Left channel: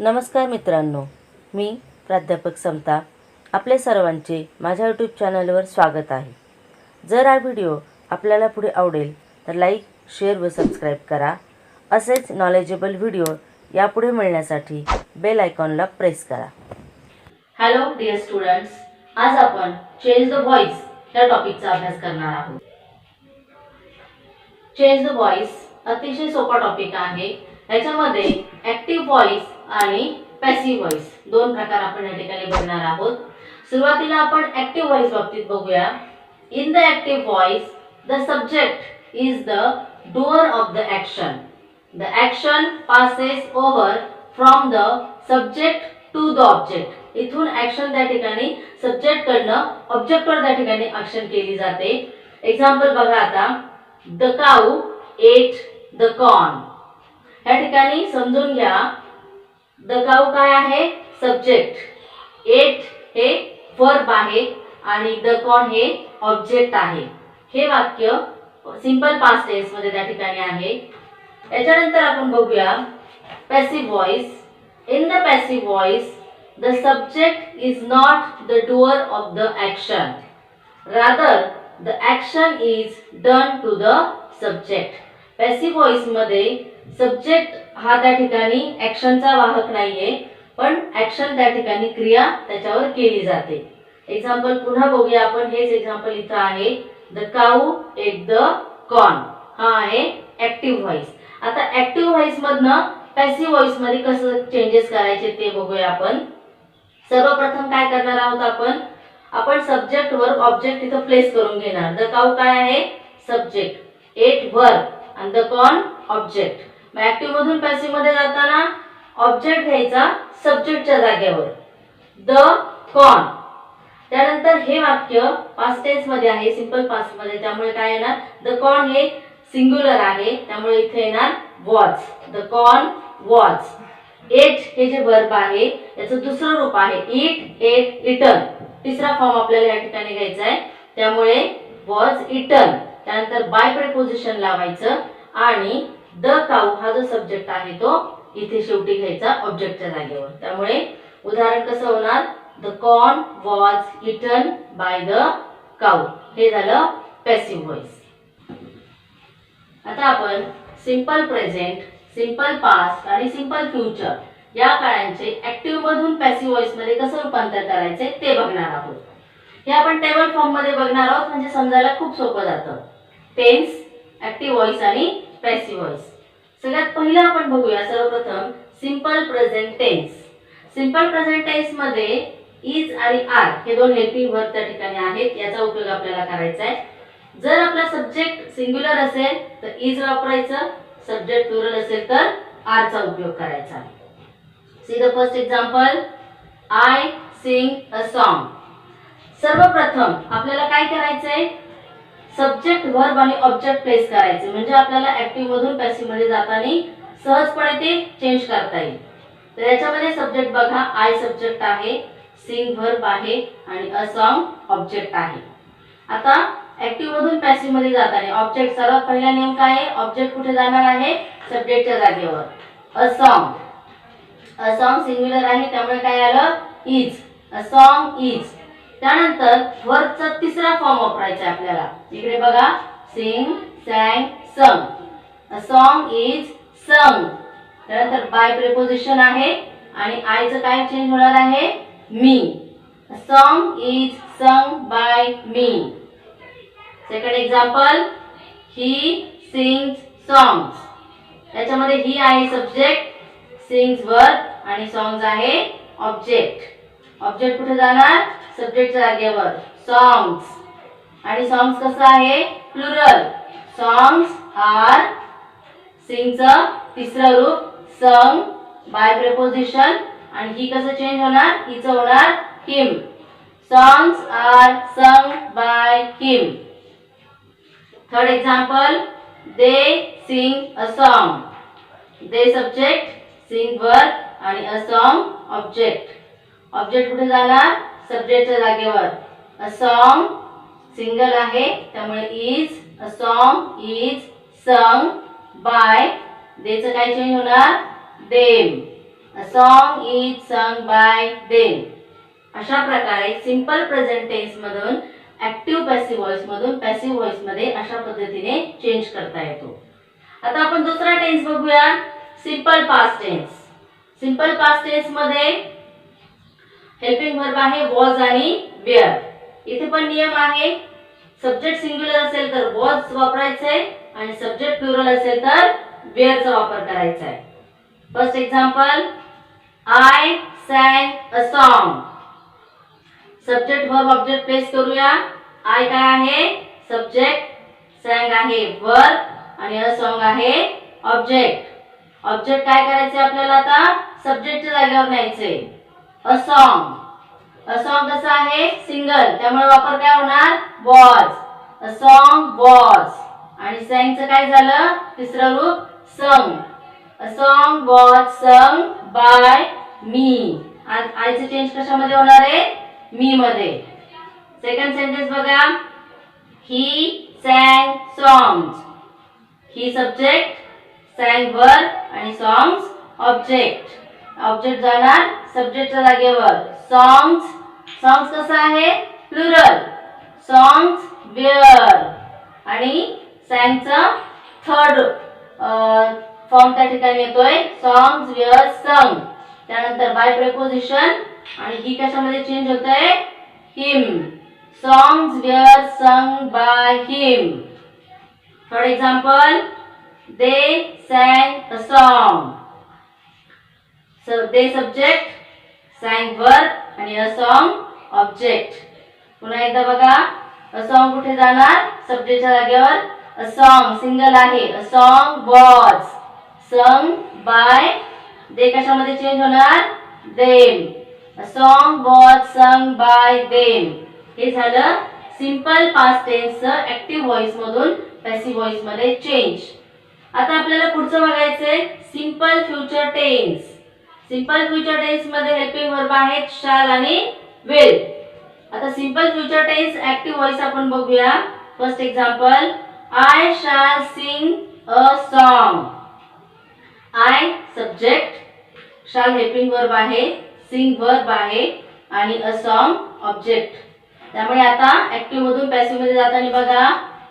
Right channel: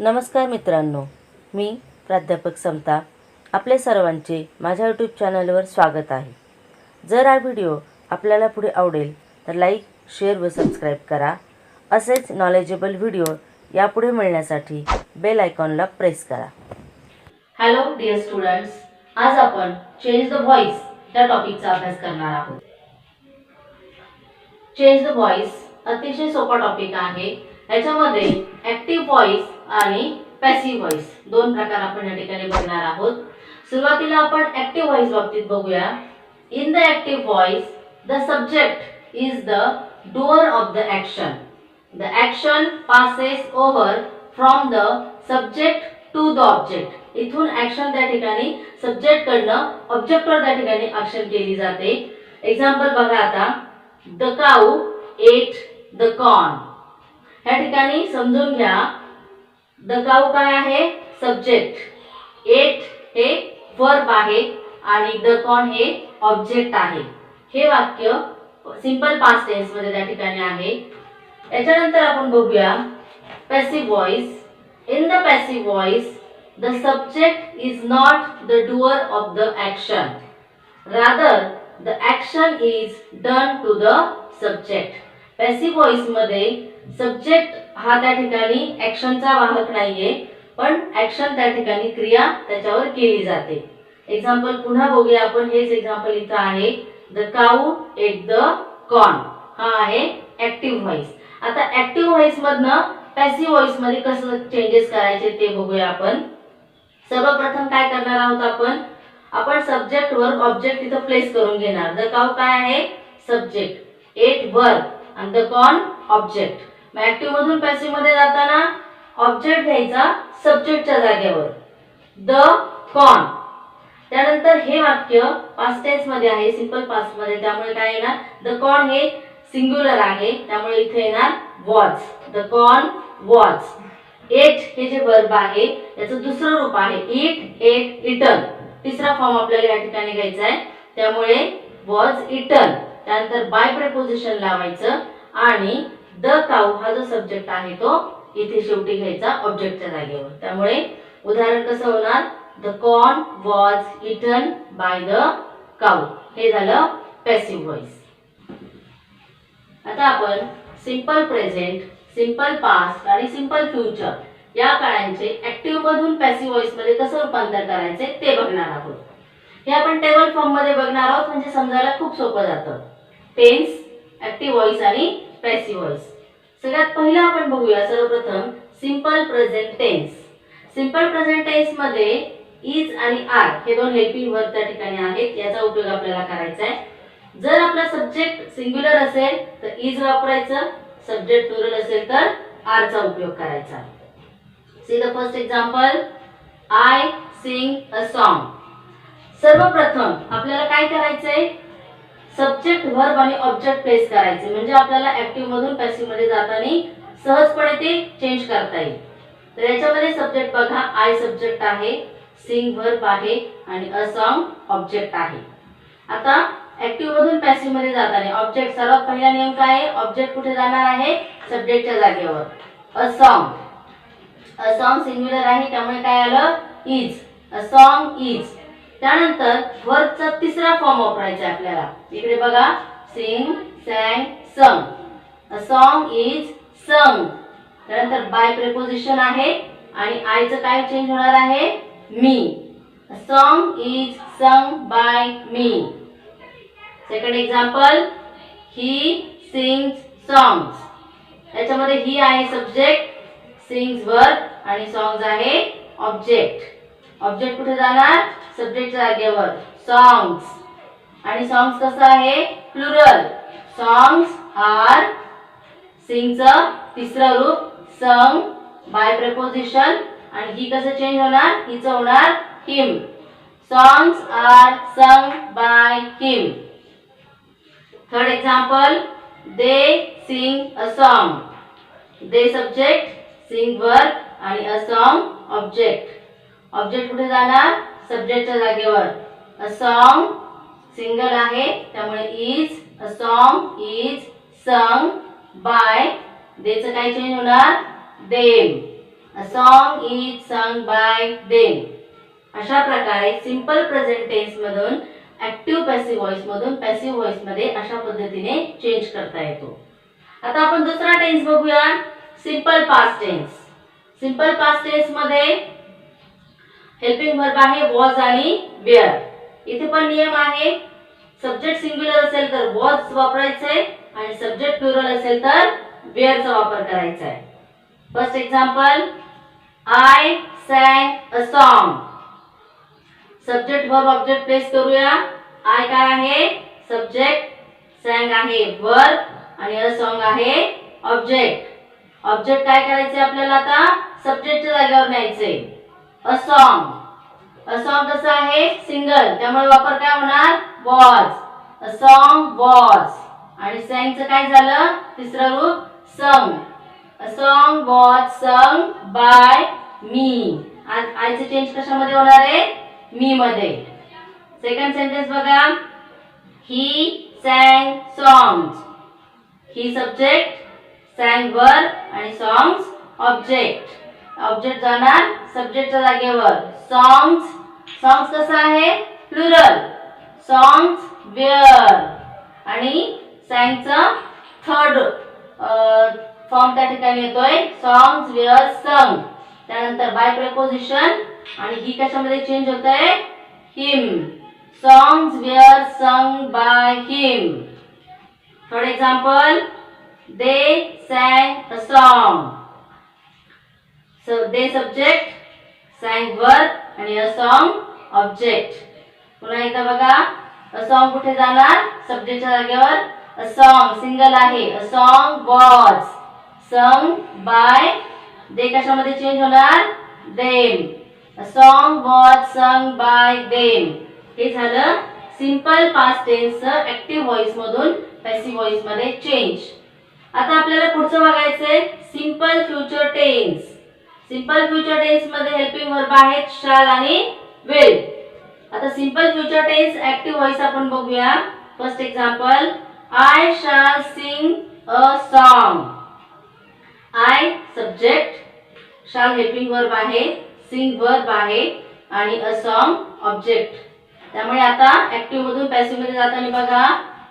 नमस्कार मित्रांनो, मी प्राध्यापक समता आपले सर्वांचे माझ्या यूट्यूब चॅनलवर स्वागत आहे. जर हा व्हिडिओ आपल्याला पुढे आवडेल तर लाईक, शेअर व सबस्क्राईब करा. असेच नॉलेजेबल व्हिडिओ यापुढे मिळण्यासाठी बेल आयकॉनला प्रेस करा. हॅलो डिअर स्टुडंट्स, आज आपण चेंज द व्हॉइस या टॉपिकचा अभ्यास करणार आहोत. चेंज द व्हॉइस अतिशय सोपा टॉपिक आहे. याच्यामध्ये ॲक्टिव्ह व्हॉइस आणि पॅसिव्ह व्हॉइस दोन प्रकार आपण या ठिकाणी बघणार आहोत. सुरुवातीला आपण ॲक्टिव्ह व्हॉइस बाबतीत बघूया. In the active voice the subject is the doer of the action. The action passes over from the subject to the object. इथून ॲक्शन त्या ठिकाणी सब्जेक्ट कडनं ऑब्जेक्टवर त्या ठिकाणी ॲक्शन केली जाते. एक्झाम्पल बघा आता. The cow at the corn. या ठिकाणी समजून घ्या, द काऊ काय आहे? सब्जेक्ट. एट हे वर्ब आहे आणि द कॉर्न हे ऑब्जेक्ट आहे. हे वाक्य सिंपल पास्ट टेन्स मध्ये त्या ठिकाणी आहे. याच्यानंतर आपण बघूया passive voice. In the passive voice the subject is not the doer of the action. Rather the action is done to the subject. Passive voice मध्ये सब्जेक्ट हा त्या ठिकाणी ॲक्शनचा वाहक नाहीये, पण ॲक्शन त्या ठिकाणी क्रिया त्याच्यावर केली जाते. एक्झाम्पल पुन्हा बघूया आपण. हेच एक्झाम्पल इथं आहे. The cow at the corn. हा आहे ॲक्टिव्ह व्हॉइस. आता ॲक्टिव्ह व्हॉइस मधनं पॅसिव्ह व्हॉइस मध्ये कसं चेंजेस करायचे ते बघूया आपण. सर्वप्रथम काय करणार आहोत आपण सब्जेक्ट वर्ब ऑब्जेक्ट इथं प्लेस करून घेणार. द काऊ काय आहे? सब्जेक्ट. एट वर्ब आणि द कॉर्न ऑब्जेक्ट. मग ऍक्टिव्ह मधून पॅसिव्ह मध्ये जाताना ऑब्जेक्ट घ्यायचा सब्जेक्टच्या जागेवर, द कॉर्न. त्यानंतर हे वाक्य पास्ट टेन्स मध्ये आहे, सिंपल पास्ट मध्ये, त्यामुळे काय येणार? द कॉर्न हे सिंग्युलर आहे, त्यामुळे इथे येणार was. The corn was. Ate हे जे वर्ब आहे याचं दुसरं रूप आहे इट, एट, इटन. तिसरा फॉर्म आपल्याला या ठिकाणी घ्यायचा आहे, त्यामुळे वॉज इटन. त्यानंतर बाय प्रिपोजिशन लावायचं आणि द काऊ हा जो सब्जेक्ट आहे तो इथे शेवटी घ्यायचा ऑब्जेक्टच्या जागेवर. त्यामुळे उदाहरण कसं होणार? The corn was eaten by the cow. हे झालं पॅसिव्ह व्हॉइस. आता आपण सिंपल प्रेझेंट, सिंपल पास्ट आणि सिंपल फ्युचर या काळांचे ऍक्टिव्ह मधून पॅसिव्ह व्हॉइस मध्ये कसं रूपांतर करायचे ते बघणार आहोत. हे आपण टेबल फॉर्म मध्ये बघणार आहोत, म्हणजे समजायला खूप सोपं जातं. टेन्स, ऍक्टिव्ह व्हॉइस आणि पॅसिव्ह व्हॉइस. सगळ्यात पहिलं आपण बघूया सर्वप्रथम simple present tense. Simple present tense मध्ये इज आणि आर हे दोन हेल्पिंग वर्ब त्या ठिकाणी आहेत. याचा उपयोग आपल्याला करायचा आहे. जर आपला सब्जेक्ट सिंग्युलर असेल तर इज वापरायचं, सब्जेक्ट प्लुरल असेल तर आर चा उपयोग करायचा. See the first example. I sing a song. सर्वप्रथम आपल्याला काय करायचंय? सब्जेक्ट वर्ब आणि ऑब्जेक्ट प्लेस करायचे, म्हणजे आपल्याला ऍक्टिव्ह मधून पॅसिव्ह मध्ये जाताना सहजपणे ते चेंज करता येईल. तर याच्यामध्ये सब्जेक्ट बघा, आय सब्जेक्ट आहे, सिंग वर्ब आहे आणि अ सॉन्ग ऑब्जेक्ट आहे. आता ऍक्टिव्ह मधून पॅसिव्ह मध्ये जाताना ऑब्जेक्ट, सर्वात पहिला नियम काय आहे? ऑब्जेक्ट कुठे जाणार आहे? सब्जेक्टच्या जागेवर. A song. A song singular आहे, त्यामुळे काय आलं? इज. A song is. त्यानंतर वर्बचा तिसरा फॉर्म वापरायचा आहे आपल्याला. इकडे बघा, सिंग, सॅंग, संग. अ सॉन्ग इज संग. त्यानंतर बाय प्रिपोजिशन आहे आणि आयचं काय चेंज होणार आहे? Me. A song is sung by me. Second example. He sings songs. याच्यामध्ये ही आहे सब्जेक्ट, सिंग्स वर्ब आणि सॉंग्स आहे ऑब्जेक्ट. ऑब्जेक्ट कुठे जाणार? सब्जेक्टच्या जागेवर, सॉंग्स. आणि सॉंग्स कसं आहे? प्लुरल. Songs are. सिंगचं तिसरं रूप संग बाय प्रिपोजिशन आणि ही कसं चेंज होणार? हिचं होणार him. Songs are sung by him. Third example. They sing a song. They subject, sing verb आणि अ सॉन्ग ऑब्जेक्ट. ऑब्जेक्ट कुठे जाणार? सब्जेक्टच्या जागेवर. अ सॉन्ग सिंगल आहे, त्यामुळे is. A song is sung by. देचं काय चेंज होणार? Them. A song is sung by them. अशा प्रकारे सिंपल प्रेझेंट टेन्स मधून ऍक्टिव्ह पॅसिव्ह व्हॉइस मधून पॅसिव्ह व्हॉइस मध्ये अशा पद्धतीने चेंज करता येतो. आता आपण दुसरा टेन्स बघूया, simple past tense. Simple past tense मध्ये हेल्पिंग वर्ब आहे वॉज आणि वेअर. इथे पण नियम आहे, सब्जेक्ट सिंग्युलर असेल तर वॉज वापरायचंय आणि सब्जेक्ट प्लुरल असेल तर वेअरचा वापर करायचा आहे. First example, I sang a song. Subject verb object place करूया. आय काय आहे सब्जेक्ट, सॅंग आहे वर्ब आणि अ सॉन्ग आहे ऑब्जेक्ट. ऑब्जेक्ट काय करायचे आपल्याला आता सब्जेक्टच्या जागेवर न्यायचे. अ सॉन्ग, अ सॉन्ग कसं आहे सिंगल, त्यामुळे वापर काय होणार वॉज. A song was. आणि सॅंगचं काय झालं तिसरं रूप sung. A song was sung by me. आयचं चेंज कशामध्ये होणार आहे मी मध्ये. सेकंड सेंटेन्स बघा, he sang songs. He subject, sang verb आणि सॉंग्स ऑब्जेक्ट. ऑब्जेक्ट जाणार सब्जेक्टच्या जागेवर. सॉंग्स, सॉंग्स कसं आहे प्लुरल, सॉंग्स वेअर. आणि सॅंगचा थर्ड फॉर्म त्या ठिकाणी येतोय सॉंग्स वेअर संग. त्यानंतर बाय प्रेपोजिशन आणि ही कशामध्ये चेंज होतंय him. Songs were sung by him. Third example, they sang a song. They subject, sang verb आणि अ सॉन्ग ऑब्जेक्ट. पुन्हा एकदा बघा, अ सॉन्ग कुठे जाणार सब्जेक्टच्या जागेवर. अ सॉन्ग सिंगल आहे. A song was sung by. They कशामध्ये चेंज होणार them. A song was sung by them. हे झालं सिंपल पास्ट टेन्सचं ऍक्टिव्ह व्हॉइस मधून पॅसिव्ह व्हॉइस मध्ये चेंज. आता आपल्याला पुढचं बघायचंय simple future tense. Simple future tense मध्ये हेल्पिंग वर्ब आहेत शाल आणि विल. आता simple future tense active voice आपण बघूया. First example, I shall sing a song. I subject, shall helping verb आहे, सिंग वर्ब आहे आणि अ सॉन्ग ऑब्जेक्ट. त्यामुळे आता ऍक्टिव्ह मधून पॅसिव्ह मध्ये जाताना बघा,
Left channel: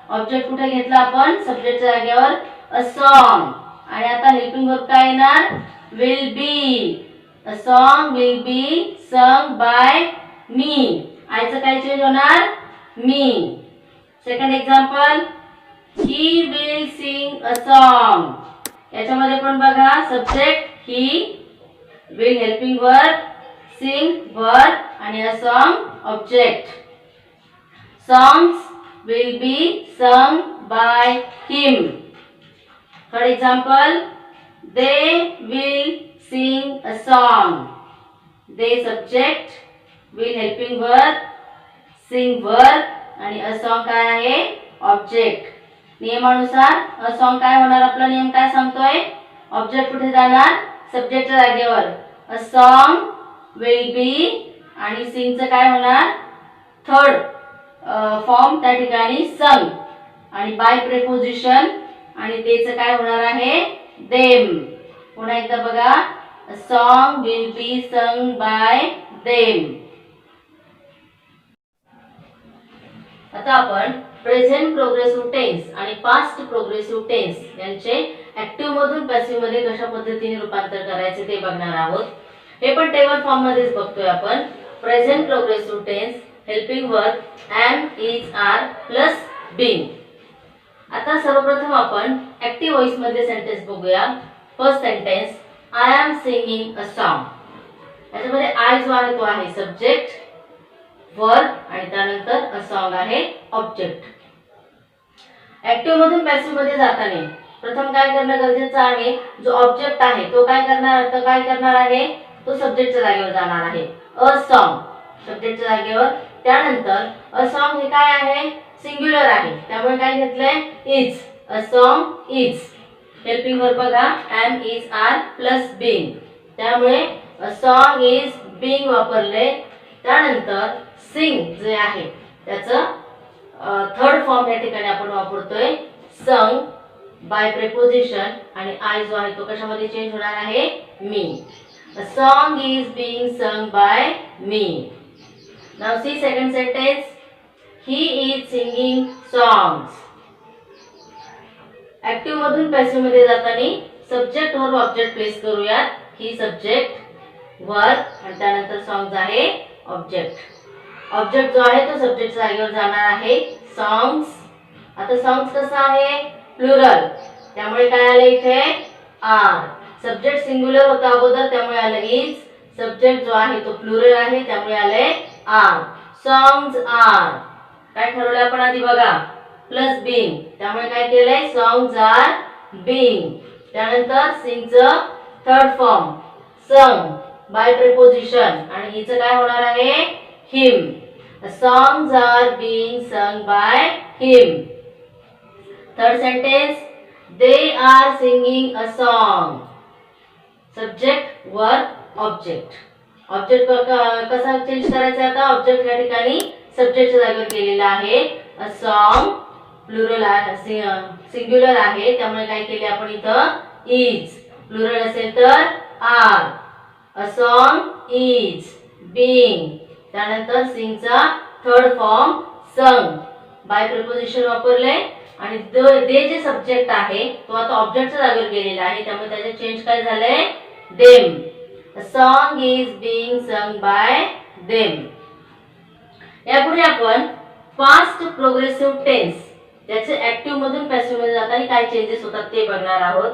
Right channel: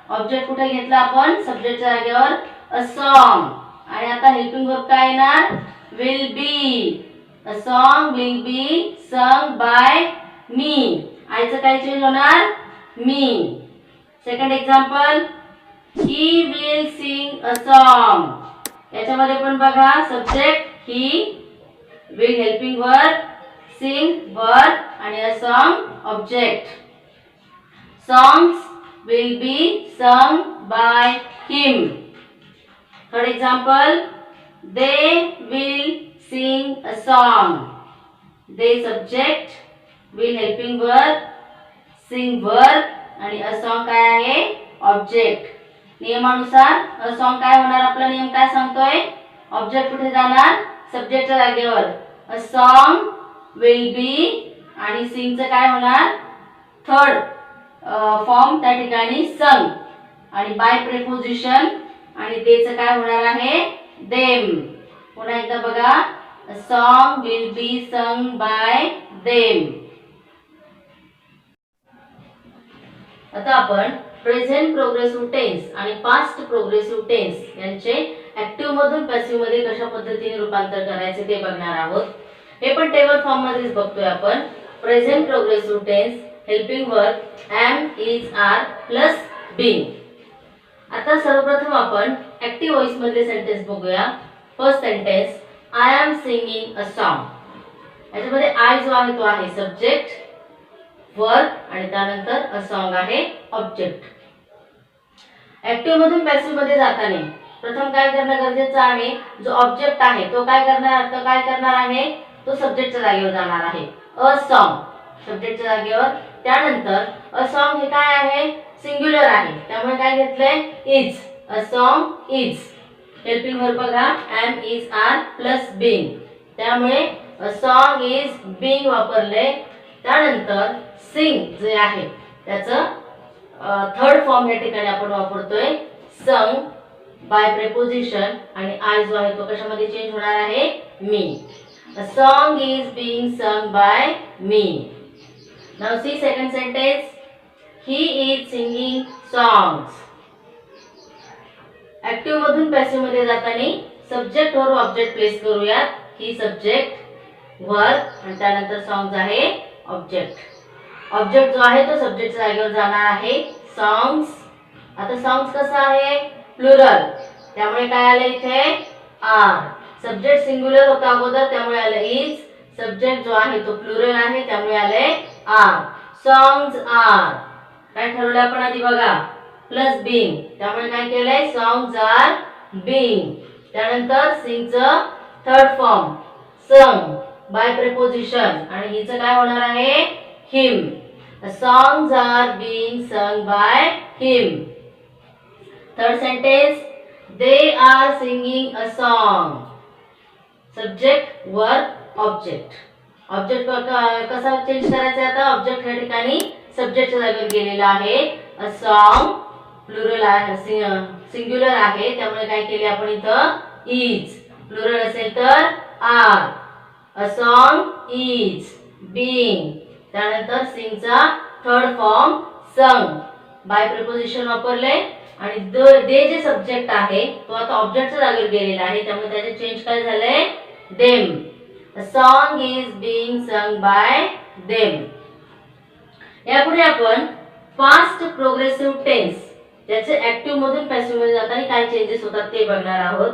ऑब्जेक्ट कुठे घेतला आपण सब्जेक्टच्या जागेवर अ सॉन्ग. आणि आता हेल्पिंग वर्ब काय येणार will be. A song will be sung by me. आयचं काय चेंज होणार me. Second example, he will sing a song. याच्यामध्ये पण बघा subject he, will helping verb, sing verb आणि a song object. Songs will be sung by him. Third example, they will sing a song. They subject, will helping verb, sing verb आणि a song काय आहे object. नियमानुसार a song काय होणार, आपला नियम काय सांगतोय, ऑब्जेक्ट कुठे जाणार सब्जेक्टच्या जागेवर. अ सॉन्ग विल बी आणि सिंगचं काय होणार थर्ड फॉर्म त्या ठिकाणी संग आणि बाय प्रेपोजिशन आणि देचं काय होणार आहे देम. पुन्हा एकदा बघा, अ song will be sung by them. आता आपण प्रेझेंट प्रोग्रेसिव्ह टेन्स आणि पास्ट प्रोग्रेसिव्ह टेन्स यांचे ऍक्टिव्ह मधून पॅसिव्ह मध्ये कशा पद्धतीने रूपांतर करायचे ते बघणार आहोत. हे पण टेबल फॉर्म मध्येच बघतोय आपण. Present progressive tense helping verb am, is, are plus being. आता सर्वप्रथम आपण ऍक्टिव्ह व्हॉइस मधले सेंटेन्स बघूया. First sentence, I am singing a song. याच्यामध्ये आय जो आहे तो आहे सब्जेक्ट, वर्ब आणि त्यानंतर अ सॉन्ग आहे ऑब्जेक्ट. ऍक्टिव्ह मधून पॅसिव्ह मध्ये जाताना प्रथम काय करणं गरजेचं आहे, जो ऑब्जेक्ट आहे तो काय करणार आहे तो सब्जेक्टच्या जागेवर जाणार आहे. अ सॉन्ग सब्जेक्टच्या जागेवर. त्यानंतर अ सॉन्ग हे काय आहे सिंग्युलर आहे, त्यामुळे काय घेतलंय is. A song is. Helping verb बघा am, is, are plus being. त्यामुळे अ सॉन्ग इज बीइंग वापरले. त्यानंतर सिंग जे आहे त्याचं थर्ड फॉर्म या ठिकाणी आपण वापरतोय संग बाय प्रेपोजिशन आणि आय जो आहे तो कशामध्ये चेंज होणार आहे मी. A song is being sung by me. Now see second sentence. He is singing songs. Active मधून पॅसिव्ह मध्ये जाताना सब्जेक्ट वर ऑब्जेक्ट प्लेस करूयात. ही सब्जेक्ट वर्क आणि त्यानंतर सॉंग्स आहे ऑब्जेक्ट. ऑब्जेक्ट जो आहे तो सब्जेक्टच्या जागेवर जाणार आहे सॉंग्स. आता सॉंग्स कसं आहे प्लुरल, त्यामुळे काय आलं इथे आर. सब्जेक्ट सिंग्युलर होता अगोदर त्यामुळे आलं इज. सब्जेक्ट जो आहे तो प्लुरल आहे त्यामुळे आले आर. Songs R. काय ठरवलं आपण आधी बघा प्लस बीइंग, त्यामुळे काय केलंय सॉंग्स आर बीइंग. त्यानंतर सिंगचं third form sung by preposition आणि हिचं काय होणार आहे him. Songs are being sung by him. Third sentence they are singing a song. Subject verb object. Object कसा चेंज करायचा आता ऑब्जेक्ट या ठिकाणी सब्जेक्टच्या जागेवर गेलेला आहे. अ सॉन्ग प्लुरल आहे सिंग्युलर आहे त्यामुळे काय केले आपण इथं इज. प्लुरल असेल तर are. A song is being. त्यानंतर सिंगचा third form sung by preposition वापरले आणि दे जे सब्जेक्ट आहे तो आता ऑब्जेक्टच्या जागेवर गेलेला आहे त्यामुळे त्याचे चेंज काय झालंय them. A song is being sung by them. यापुढे आपण पास्ट प्रोग्रेसिव्ह टेन्स त्याचे ऍक्टिव्ह मधून पॅसिव्ह मध्ये जाताना काय चेंजेस होतात ते बघणार आहोत.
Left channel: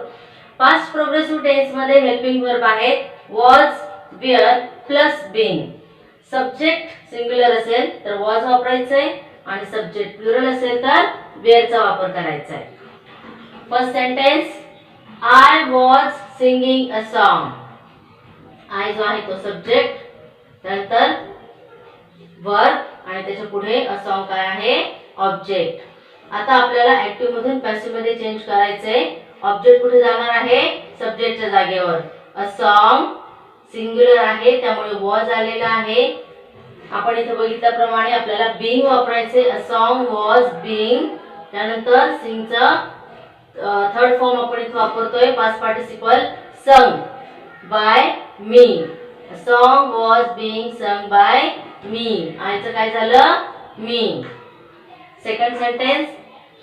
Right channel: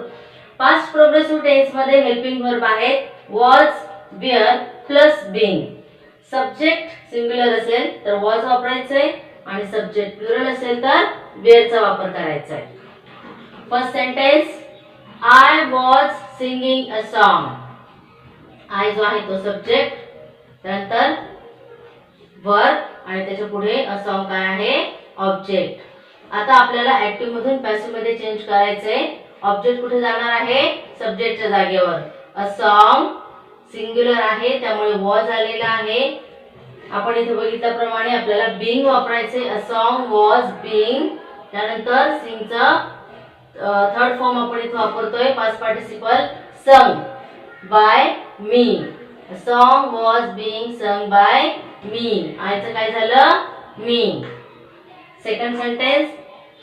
पास्ट प्रोग्रेसिव्ह टेन्स मध्ये हेल्पिंग वर्ब आहेत was were plus being. Subject singular असेल तर वॉज वापरायचंय आणि सब्जेक्ट प्लुरल असेल तर वेअरचा वापर करायचा आहे. First sentence I was singing a song. I जो आहे तो सब्जेक्ट, नंतर वर्ब आणि त्याच्या पुढे अ सॉन्ग काय आहे ऑब्जेक्ट. आता आपल्याला ऍक्टिव्ह मधून पॅसिव्ह मध्ये चेंज करायचंय. ऑब्जेक्ट कुठे जाणार आहे सब्जेक्टच्या जागेवर. अ सॉन्ग सिंग्युलर आहे त्यामुळे वॉज आलेला आहे. आपण इथे बघितल्याप्रमाणे आपल्याला बीइंग वापरायचे. A song was being. त्यानंतर सिंगचा थर्ड फॉर्म आपण इथे वापरतोय past participle sung by me. A song was being sung by me. आयचं काय झालं me. Second sentence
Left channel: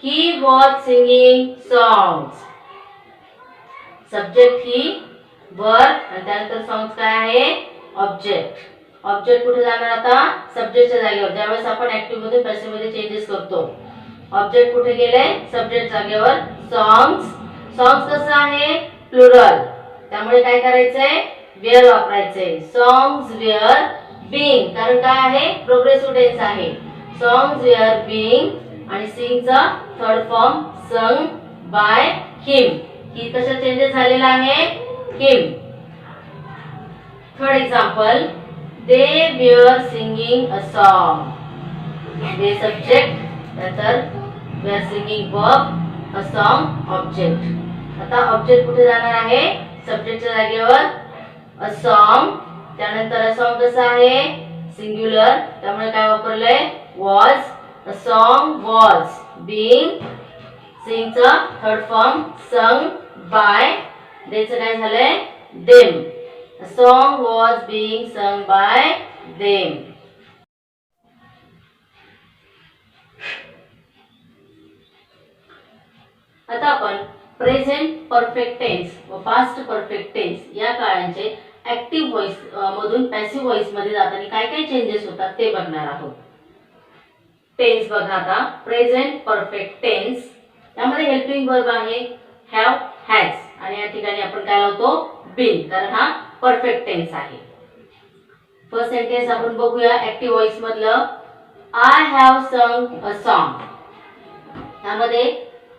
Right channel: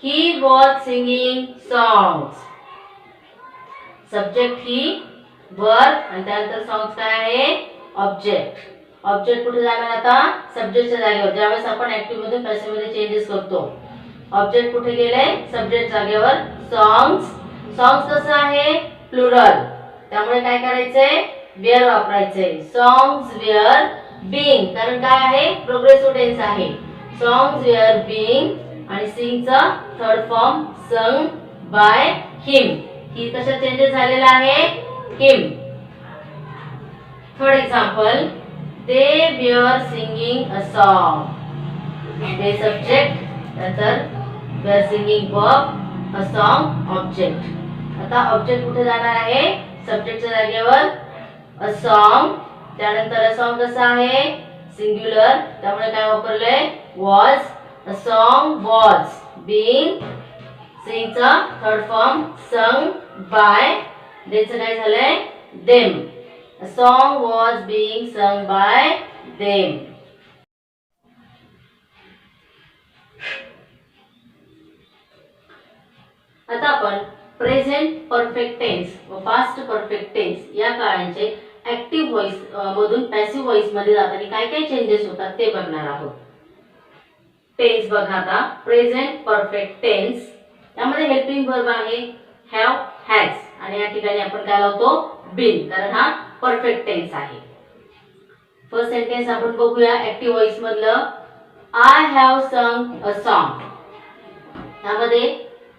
he was singing songs. Subject he verb आणि त्यानंतर सॉंग्स काय आहे ऑब्जेक्ट. ऑब्जेक्ट कुठे जाणार आता सब्जेक्टच्या जागेवर. ज्यावेळेस आपण ऍक्टिव्ह मधून पॅसिव्ह मध्ये चेंजेस करतो ऑब्जेक्ट कुठे गेले सब्जेक्ट जागेवर सॉंग्स. सॉंग्स कसं आहे प्लुरल त्यामुळे काय करायचंय वेअर वापरायचंय. सॉंग्स वेअर बीइंग कारण काय आहे प्रोग्रेसिव्ह टेन्स आहे. सॉंग्स वेअर बीइंग आणि सिंगचा third form sung by him. He कशा चेंजेस झालेला आहे him. Third example they were singing a song. They subject नंतर were singing verb a song object. आता ऑब्जेक्ट कुठे जाणार आहे सब्जेक्टच्या जागेवर अ सॉन्ग. त्यानंतर अ सॉन्ग कसं आहे सिंग्युलर त्यामुळे काय वापरलंय was. A song was being. सिंगचा थर्ड फॉर्म संग बाय. देचं काय झालंय them. A song was being sung by them. आता आपण प्रेझेंट परफेक्ट टेन्स व पास्ट परफेक्ट टेन्स या काळांचे ऍक्टिव्ह व्हॉइस मधून पॅसिव्ह व्हॉइस मध्ये जाताना काय काय चेंजेस होतात ते बघणार आहोत. टेन्स बघा आता प्रेझेंट परफेक्ट टेन्स यामध्ये हेल्पिंग वर्ब आहे हॅव हॅज आणि या ठिकाणी आपण काय लावतो बीन कारण हा परफेक्ट टेन्स आहे. फर्स्ट सेंटेन्स आपण बघूया ऍक्टिव्ह व्हॉइस मधलं. आय हॅव संग अ सॉन्ग. यामध्ये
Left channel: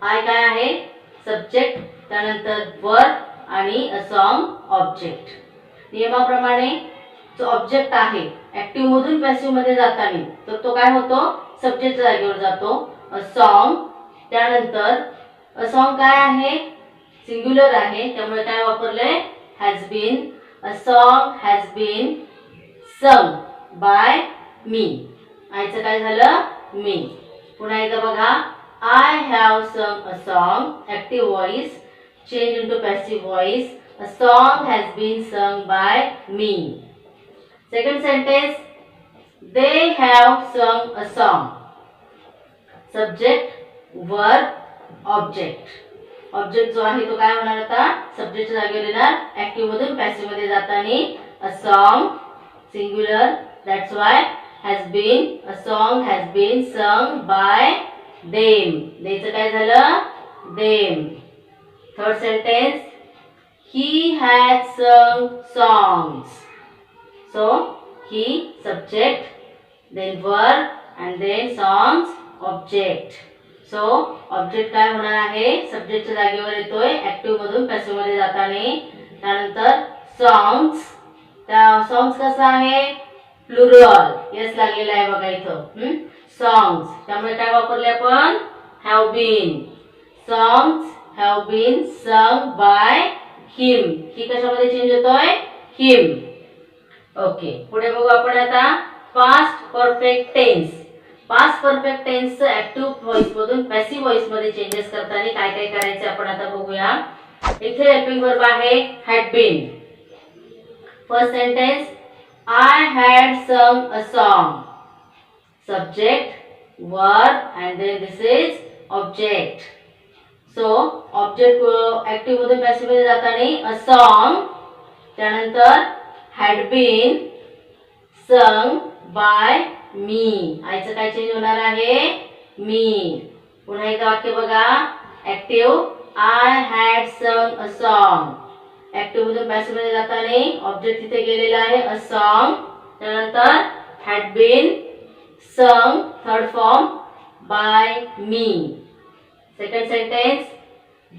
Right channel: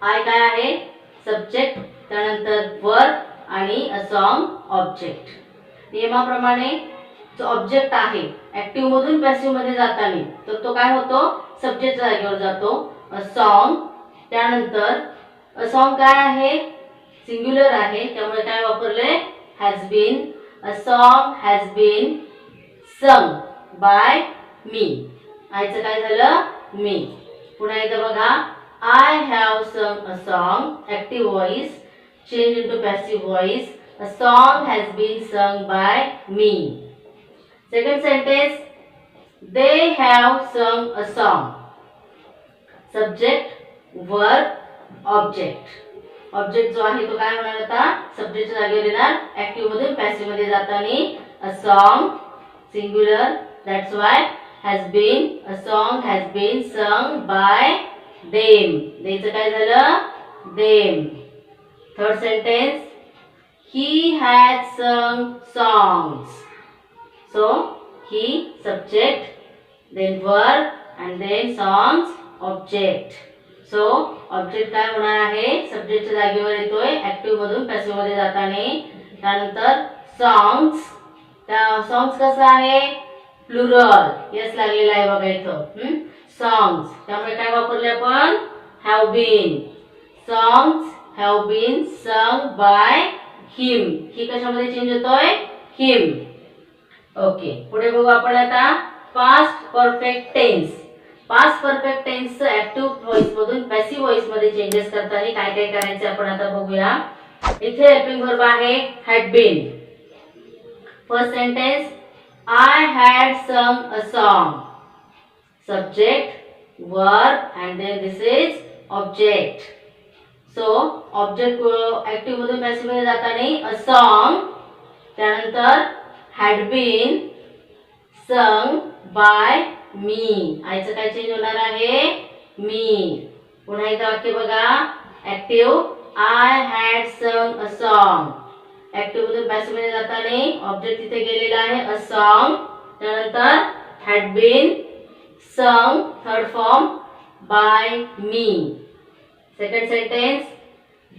आय काय आहे सब्जेक्ट त्यानंतर वर्ब आणि अ सॉन्ग ऑब्जेक्ट. नियमाप्रमाणे जो ऑब्जेक्ट आहे ऍक्टिव्ह मधून पॅसिव्ह मध्ये जाताना तर तो काय होतो सब्जेक्टच्या जागेवर जातो अ सॉन्ग. त्यानंतर अ सॉन्ग काय आहे सिंग्युलर आहे त्यामुळे काय वापरलंय has been. A song has been sung by me. आयचं काय झालं मी. पुन्हा एकदा बघा I have sung a song. Active voice change into passive voice. A song has been sung by me. Second sentence, they have sung a song. Subject, verb, object. Object जो आहे तो काय होणार आता सब्जेक्टच्या जागेवर येणार ऍक्टिव्ह मधून पॅसिव्ह मध्ये जाताना a song singular that's why has been a song has been sung by them देचं काय झालं them. Third sentence he has sung songs. So he subject then verb and then songs object. So object काय होणार आहे सब्जेक्टच्या जागेवर येतोय active मधून पॅसिव्ह मध्ये जाताना. त्यानंतर सॉंग्स त्या सॉंग्स कसं आहे प्लुरल यस लागलेला आहे बघा इथं सॉंग्स त्यामुळे काय वापरले आपण have been. Songs have been sung by him. He कशामध्ये चेंज होतोय हिम. ओके पुढे बघू आपण आता past perfect tense. Past perfect tense active voice मधून पॅसिव्ह व्हॉइस मध्ये चेंजेस करताना काय काय करायचे आपण आता बघूया. इथे हेल्पिंग वर्ब आहे had been. First sentence I had sung a song. Subject verb and then this is object. So object active मधून पॅसिव्ह मध्ये जाताना अ सॉन्ग त्यानंतर had been sung by me. आयचं काय चेंज होणार आहे मी. पुन्हा एकदा वाक्य बघा active I had sung a song. Active मधून पॅसिव्ह मध्ये जाताना ऑब्जेक्ट तिथे गेलेला आहे अ सॉन्ग त्यानंतर had been sung third form by me. Second sentence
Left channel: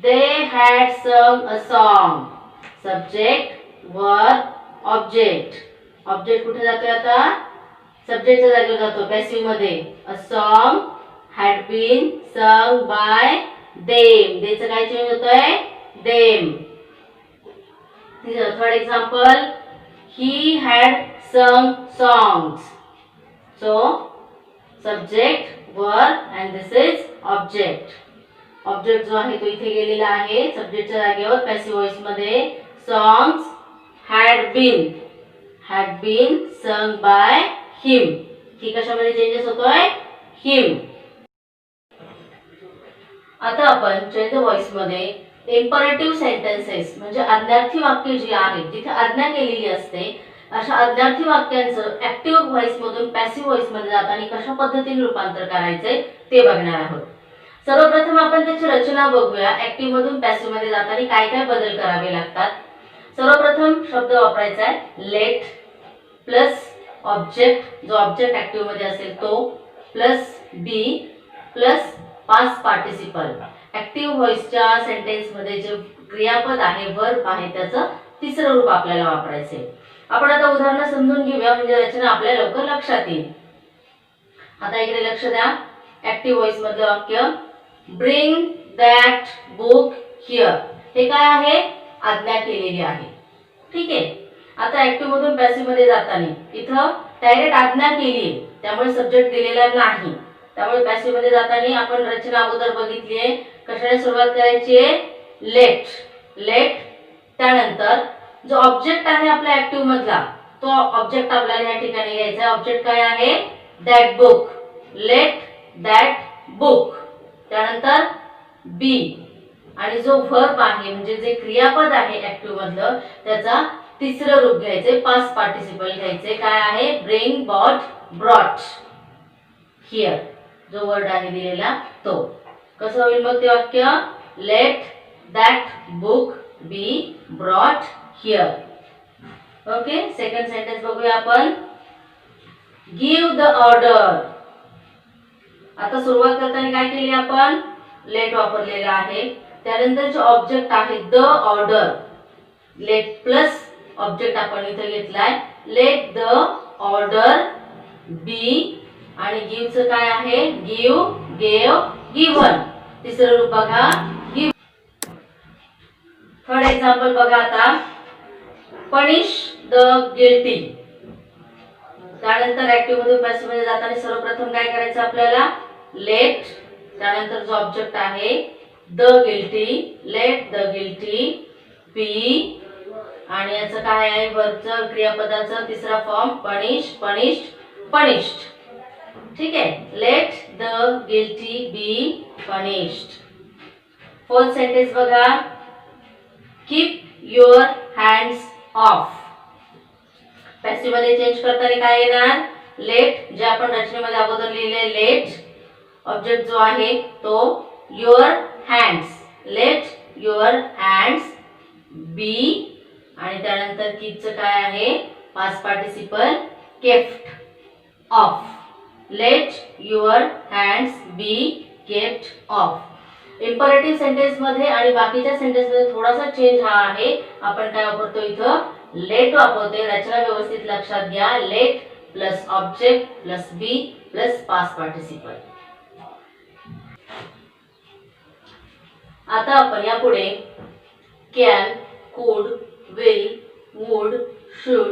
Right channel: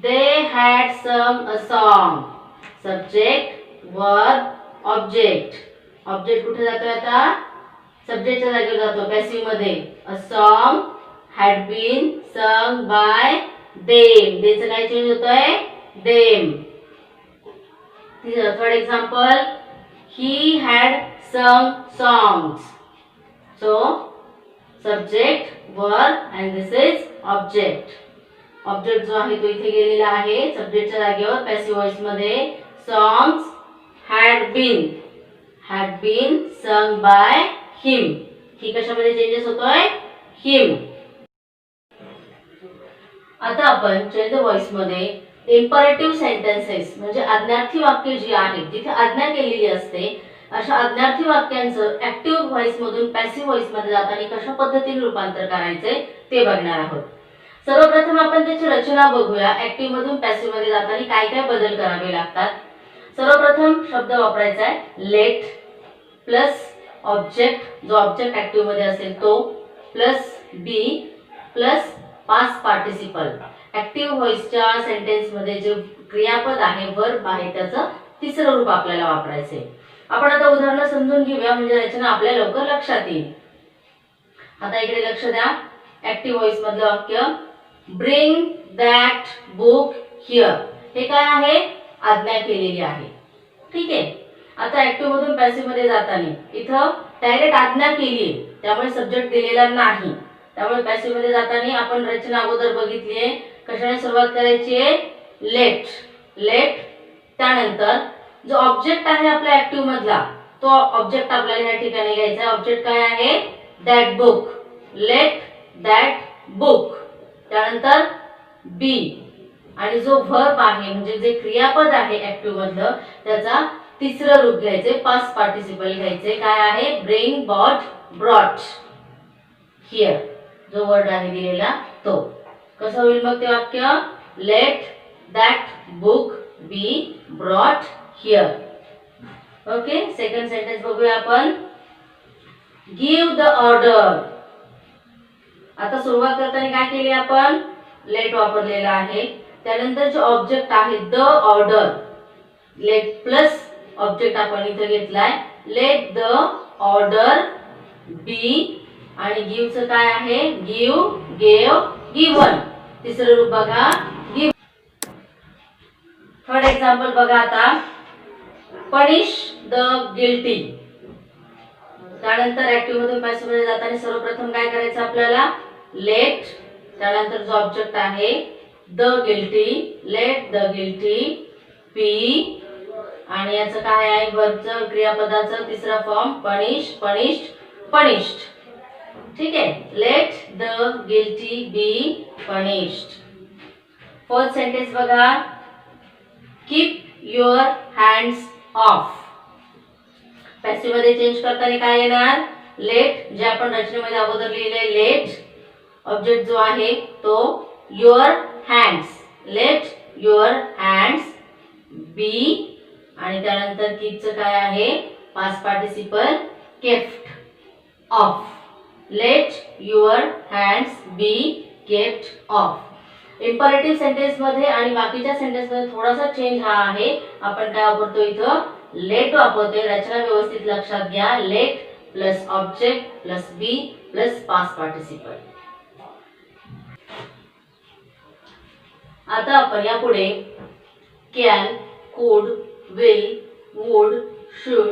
they had sung a song. Subject verb object. Object कुठे जातोय आता सब्जेक्टच्या जागेवर जातो पॅसिव्ह मध्ये a song had been sung by them. देचं काय चेंज होतंय them. Third example he had sung songs. So subject verb and this is object. Object जो आहे तो इथे गेलेला आहे सब्जेक्टच्या जागेवर पॅसिव्ह व्हॉइस मध्ये songs had been sung by him. He कशामध्ये चेंजेस होतोय हिम. आता आपण चेंज द व्हॉइस मध्ये इम्परेटिव्ह सेंटेन्सेस म्हणजे आज्ञार्थी वाक्य जी आहेत जिथे आज्ञा केलेली असते अशा आज्ञार्थी वाक्यांचं ऍक्टिव्ह व्हॉइस मधून पॅसिव्ह व्हॉइस मध्ये जाताना कशा पद्धतीने रूपांतर करायचे ते बघणार आहोत. सर्वप्रथम आपण त्याची रचना बघूया. ऍक्टिव्ह मधून पॅसिव्ह मध्ये जाताना काय काय बदल करावे लागतात. सर्वप्रथम शब्द वापरायचा आहे लेट प्लस ऑब्जेक्ट जो ऑब्जेक्ट ऍक्टिव्ह मध्ये असेल तो plus be plus past participle. Active व्हॉइसच्या सेंटेन्स मध्ये जे क्रियापद आहे वर्ब आहे त्याचं तिसरं रूप आपल्याला वापरायचे. आपण आता उदाहरण समजून घेऊया म्हणजे रचना आपल्या लवकर लक्षात येईल. आता इकडे लक्ष द्या. ऍक्टिव्ह व्हॉइस मधलं वाक्य ब्रिंग दॅट बुक हिअर. हे काय आहे आज्ञा केलेली आहे. ठीक आहे. आता ऍक्टिव्ह मधून पॅसिव्ह मध्ये जाताना इथं डायरेक्ट आज्ञा केली त्यामुळे सब्जेक्ट दिलेला नाही. त्यामुळे पॅसिव्ह मध्ये जाताना आपण रचना अगोदर बघितली आहे. कशाने सुरुवात करायची आहे लेट. त्यानंतर जो ऑब्जेक्ट आहे आपल्या ऍक्टिव्ह मधला तो ऑब्जेक्ट आपल्याला या ठिकाणी घ्यायचा आहे. ऑब्जेक्ट काय आहे that book. Let that book. त्यानंतर बी आणि जो व्हर्ब आहे म्हणजे जे क्रियापद आहे ऍक्टिव्ह मधलं त्याचा तिसरं रूप घ्यायचे पास्ट पार्टिसिपल घ्यायचे. काय आहे ब्रिंग ब्रॉट हिअर जो वर्ड आहे दिलेला तो. कसं होईल मग ते वाक्य let that book be brought here. Okay. Second sentence बघूया आपण गिव्ह द ऑर्डर. आता सुरुवात करताना काय केली आपण लेट वापरलेला आहे. त्यानंतर जे ऑब्जेक्ट आहे the order late plus object आपण इथे घेतलाय लेट द ऑर्डर बी आणि गिव्हचं काय आहे गिव्ह गेव गिव्हन. तिसरं रूप बघा गिव्ह. थर्ड एक्झाम्पल बघा आता पनिश द गिल्टी. त्यानंतर ऍक्टिव्ह मधून पॅसिव्ह मध्ये जाताना सर्वप्रथम काय करायचं आपल्याला लेट त्यानंतर जो ऑब्जेक्ट आहे the guilty let the guilty be आणि याचं काय आहे वर्बचं क्रियापदाचं तिसरा फॉर्म पनिश, पनिश्ड, पनिश्ड. ठीक आहे. Let the guilty be punished. Fourth sentence बघा. Keep your hands off. Passive मध्ये चेंज करताना काय येणार लेट, जे आपण रचनेमध्ये अगोदर लिहिले लेट. ऑब्जेक्ट जो आहे तो your hands, let your hands be. आणि त्यानंतर कीपचं काय आहे past participle kept off. Let your hands be kept off. Imperative sentence मध्ये आणि बाकीच्या सेंटेन्स मध्ये थोडासा चेंज हा आहे. आपण काय वापरतो इथं लेट वापरतोय. रचना व्यवस्थित लक्षात घ्या. Late plus object plus be plus past participle. आता आपण यापुढे कॅन, कुड, will, would, should,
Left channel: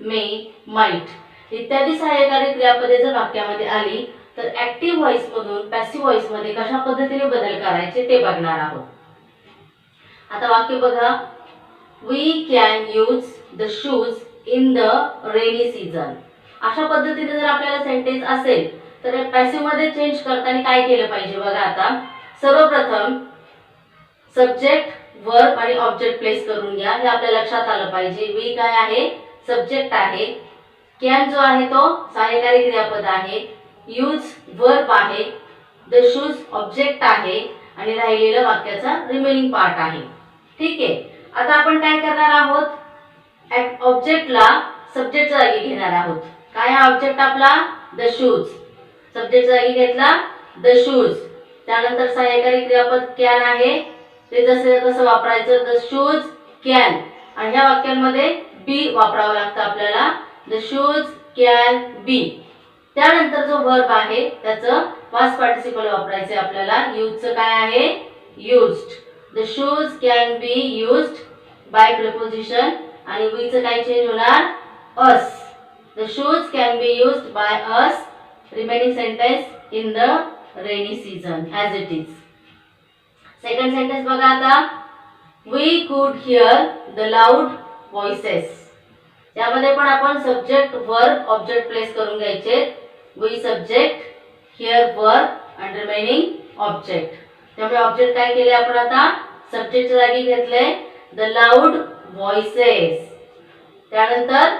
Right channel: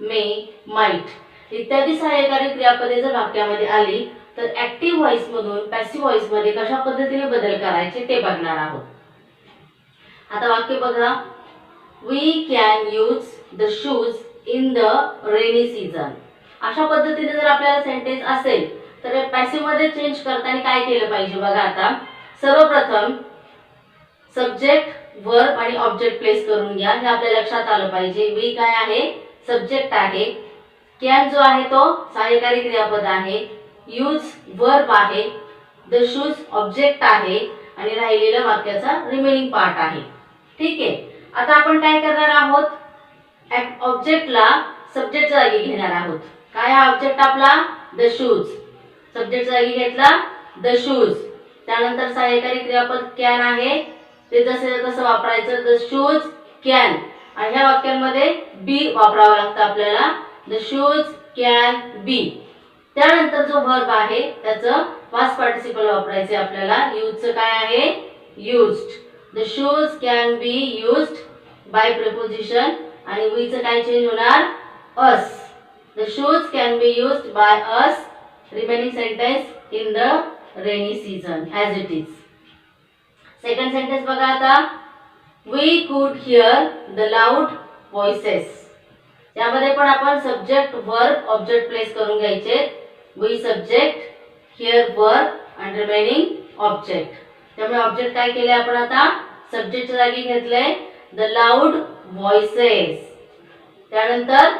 may, might इत्यादी सहाय्यकारी क्रियापदे जर वाक्यामध्ये आली तर ऍक्टिव्ह व्हॉइस मधून पॅसिव्ह व्हॉइस मध्ये कशा पद्धतीने बदल करायचे ते बघणार आहोत. आता वाक्य बघा. We can use the shoes in the rainy season. अशा पद्धतीने जर आपल्याला सेंटेन्स असेल तर पॅसिव्ह मध्ये चेंज करताना काय केलं पाहिजे बघा. आता सर्वप्रथम सब्जेक्ट, वर्ब आणि ऑब्जेक्ट प्लेस करून घ्या. हे आपल्या लक्षात आलं पाहिजे. वी काय आहे सब्जेक्ट आहे. कॅन जो आहे तो सहाय्यकारी क्रियापद आहे. यूज वर्ब आहे. द शूज ऑब्जेक्ट आहे आणि राहिलेलं वाक्याचा रिमेनिंग पार्ट आहे. ठीक आहे. आता आपण काय करणार आहोत ऑब्जेक्टला सब्जेक्टच्या जागी घेणार आहोत. काय हा ऑब्जेक्ट आपला द शूज. सब्जेक्टच्या जागी घेतला द शूज. त्यानंतर सहाय्यकारी क्रियापद कॅन आहे. ते जसे कसं वापरायचं द शूज कॅन. आणि ह्या वाक्यांमध्ये बी वापरावं लागतं आपल्याला. द शूज कॅन बी. त्यानंतर जो वर्ब आहे त्याचं पास्ट पार्टिसिपल वापरायचे आपल्याला. यूजचं काय आहे used. The shoes can be used by preposition. आणि वीचं काय चेंज होणार us. The shoes can be used by us. Remaining sentence in the rainy season as it is. Second sentence बघा आता. वी कुड हिअर द लाऊड व्हॉइसेस. यामध्ये पण आपण सब्जेक्ट, वर्ब, ऑब्जेक्ट प्लेस करून घ्यायचे. वी सब्जेक्ट, हिअर वर्ब आणि remaining object. त्यामुळे ऑब्जेक्ट काय केले आपण आता सब्जेक्टच्या जागी घेतले द लाऊड व्हॉइसेस. त्यानंतर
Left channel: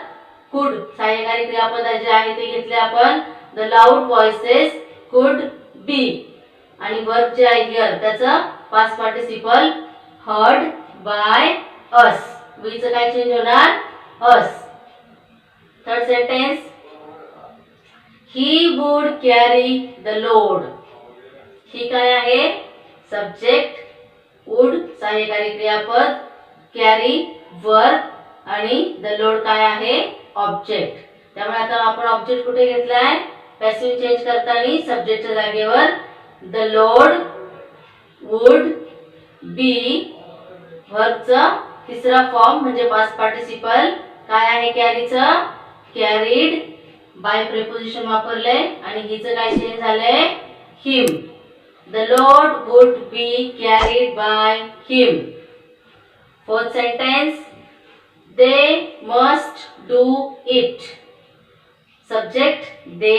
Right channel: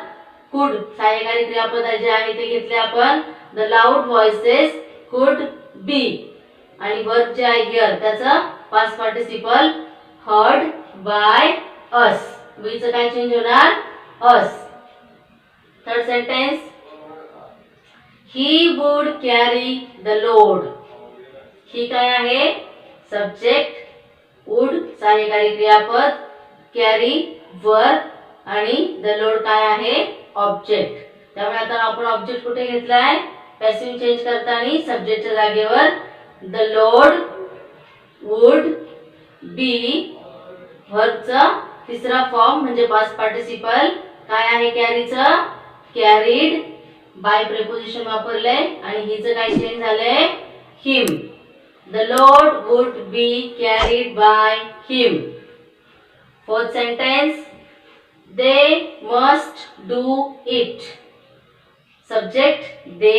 कुड सहाय्यकारी क्रियापद जे आहे ते घेतले आपण. The loud voices could be. आणि वर्ब जे आहे हिअर त्याचं past participle heard by us. वीचं काय चेंज होणार us. Third sentence. He would carry the load. He काय आहे सब्जेक्ट, वुड सहाय्यकारी क्रियापद, कॅरी वर्ब आणि द लोड काय आहे ऑब्जेक्ट. त्यामुळे आता आपण ऑब्जेक्ट कुठे घेतलाय पॅसिव्ह चेंज करताना सब्जेक्टच्या जागेवर द लोड वुड बी. वर्बचं तिसरा फॉर्म म्हणजे पास्ट पार्टिसिपल काय आहे कॅरीचं कॅरीड बाय प्रिपोजिशन वापरले. आणि हिचं काय चेंज झालंय him. The load would be carried by him. Fourth sentence. They must do it. Subject they,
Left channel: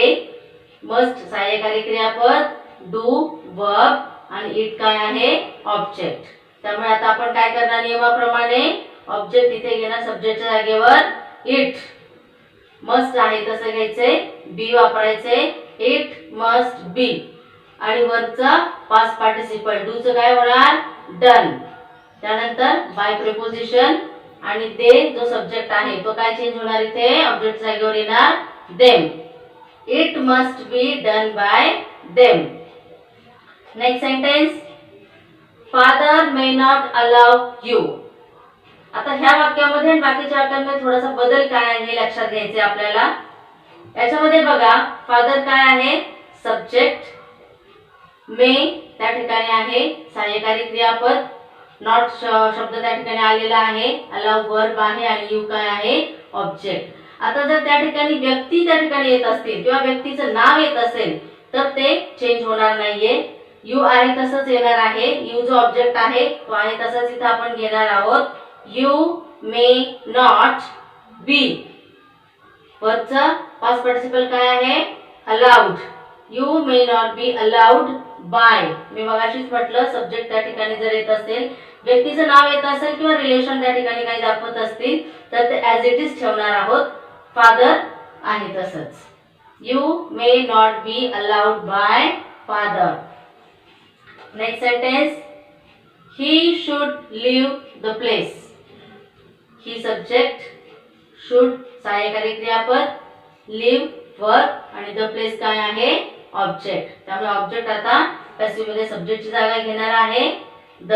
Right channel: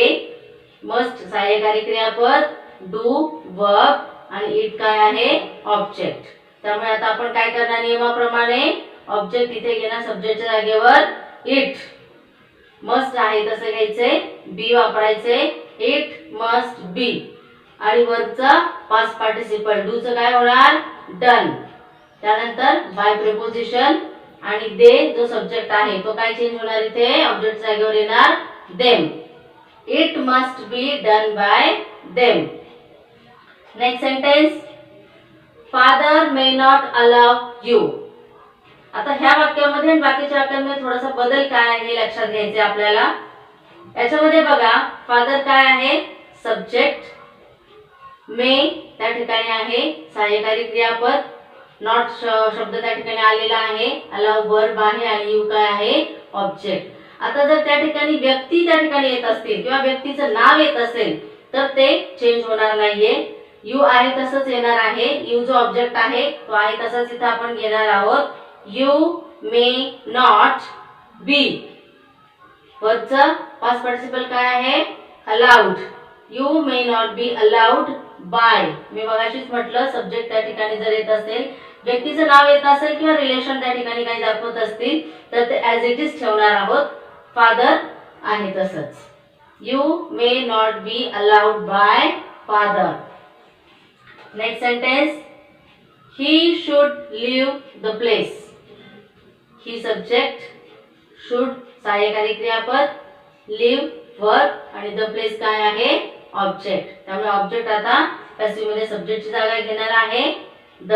must सहाय्यकारी क्रियापद, डू वर्ब आणि इट काय आहे ऑब्जेक्ट. त्यामुळे आता आपण काय करणार नियमाप्रमाणे ऑब्जेक्ट इथे घेणार सब्जेक्टच्या जागेवर इट. मस्ट आहे तसं घ्यायचे, बी वापरायचे. It must be. आणि वर्बचा पास्ट पार्टिसिपल डूचं काय होणार डन. त्यानंतर बाय प्रिपोजिशन आणि दे जो सब्जेक्ट आहे तो काय चेंज होणार इथे ऑब्जेक्टच्या जागेवर येणार them. It must be done by them. Next sentence. Father may not allow you. आता ह्या वाक्यामध्ये आणि बाकीच्या वाक्यांमध्ये थोडासा बदल काय आहे हे लक्षात घ्यायचे आपल्याला. याच्यामध्ये बघा फादर काय आहे सब्जेक्ट, मे त्या ठिकाणी आहे सहाय्यकारी क्रियापद, नॉट शब्द त्या ठिकाणी आलेला आहे, अलाउ वर्ब आहे आणि यू काय आहे ऑब्जेक्ट. आता जर त्या ठिकाणी व्यक्ती त्या ठिकाणी येत असतील किंवा व्यक्तीचं नाव येत असेल तर ते चेंज होणार नाहीये. यू आहे तसंच येणार आहे. यू जो ऑब्जेक्ट आहे तो आहे तसंच इथं आपण घेणार आहोत. You may not be. वर्बचं पास्ट पार्टिसिपल काय आहे? Allowed. You may not be allowed by. मी मगाशीच म्हटलं सब्जेक्ट त्या ठिकाणी जर येत असेल, व्यक्तीचं नाव येत असेल किंवा रिलेशन त्या ठिकाणी काही दाखवत असतील तर ते ॲज इट इज ठेवणार आहोत. फादर आहे तसंच. You may not be allowed bye father. Next sentence, he should leave the place. He subject, should सहाय्यकारी क्रियापद, लीव वर्ब आणि द प्लेस काय आहे? ऑब्जेक्ट. त्यामुळे ऑब्जेक्ट आता पॅसिव्ह मध्ये सब्जेक्टची जागा घेणार आहे. द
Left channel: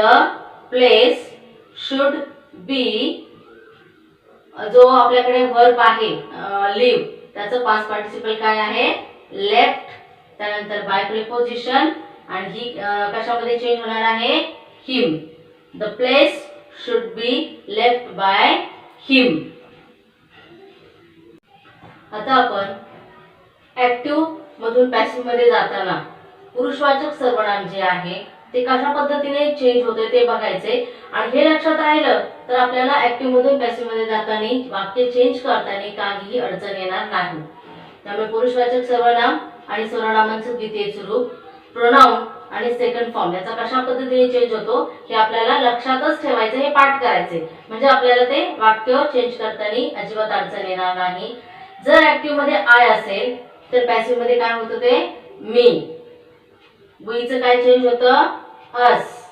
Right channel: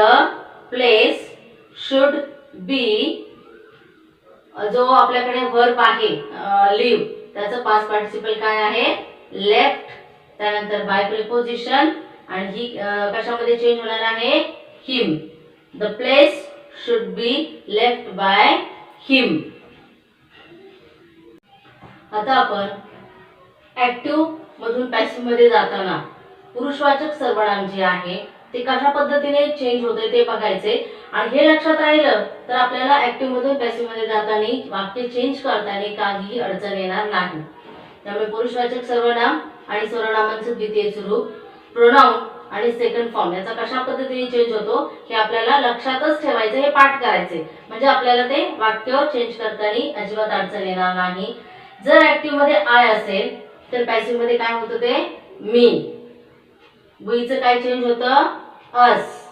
प्लेस शुड बी. जो आपल्याकडे वर्ब आहे लिव्ह, त्याचं पास्ट पार्टिसिपल काय आहे? लेफ्ट. त्यानंतर बाय प्रिपोजिशन आणि ही कशामध्ये चेंज होणार आहे? Him. The place should be left by him. आता आपण ऍक्टिव्ह मधून पॅसिव्ह मध्ये जाताना पुरुषवाचक सर्वनाम जे आहे ते कशा पद्धतीने चेंज होते ते बघायचे. आणि हे लक्षात राहिलं तर आपल्याला ऍक्टिव्ह मधून पॅसिव्ह मध्ये जाताना वाक्य चेंज करताना काहीही अडचण येणार नाही. त्यामुळे पुरुषवाचक सर्वनाम आणि सर्वनामांचं द्वितीय स्वरूप, प्रोनाउन आणि सेकंड फॉर्म याचा कशा पद्धतीने चेंज होतो हे आपल्याला लक्षातच ठेवायचं, हे पाठ करायचे. म्हणजे आपल्याला ते वाक्य चेंज करताना अजिबात अडचण येणार नाही. जर ऍक्टिव्ह मध्ये आय असेल तर पॅसिव्ह मध्ये काय होतं? ते मी. वीचं काय चेंज होतं? Us.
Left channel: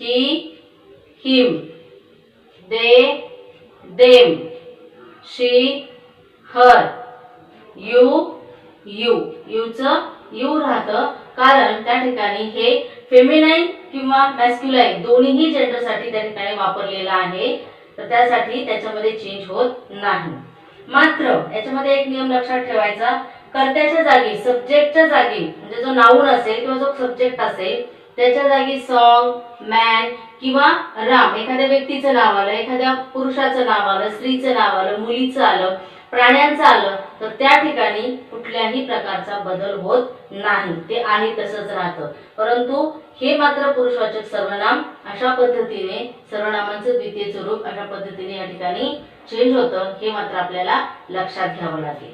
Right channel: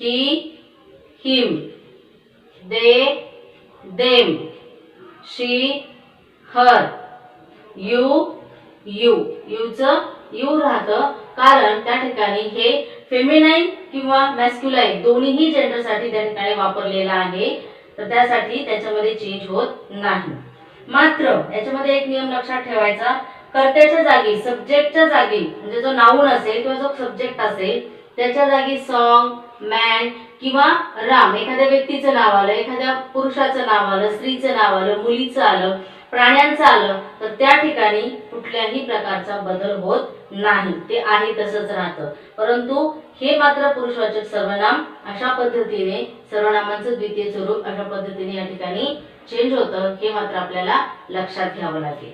He him. They them. She her. You you. यूचं यू राहतं कारण त्या ठिकाणी हे फेमिनाईन किंवा मॅस्क्युलाईन दोन्हीही जेंडरसाठी त्या ठिकाणी वापरलेलं आहे, तर त्यासाठी त्याच्यामध्ये चेंज होत नाही. मात्र याच्यामध्ये एक नियम लक्षात ठेवायचा, कर्त्याच्या जागी सब्जेक्टच्या जागी म्हणजे जो नाऊन असेल किंवा जो सब्जेक्ट असेल त्याच्या जागी सॉन्ग, मॅन किंवा राम एखाद्या व्यक्तीचं नाव आलं, एखाद्या पुरुषाचं नाव आलं, स्त्रीचं नाव आलं, मुलीचं आलं, प्राण्यांचं आलं तर त्या ठिकाणी कुठल्याही प्रकारचा बदल होत नाही, ते आहे तसंच राहतं. परंतु हे मात्र पुरुषवाचक सर्वनाम अशा पद्धतीने, सर्वनामांचं द्वितीय स्वरूप अशा पद्धतीने या ठिकाणी चेंज होतं, हे मात्र आपल्याला लक्षात घ्यावं लागेल.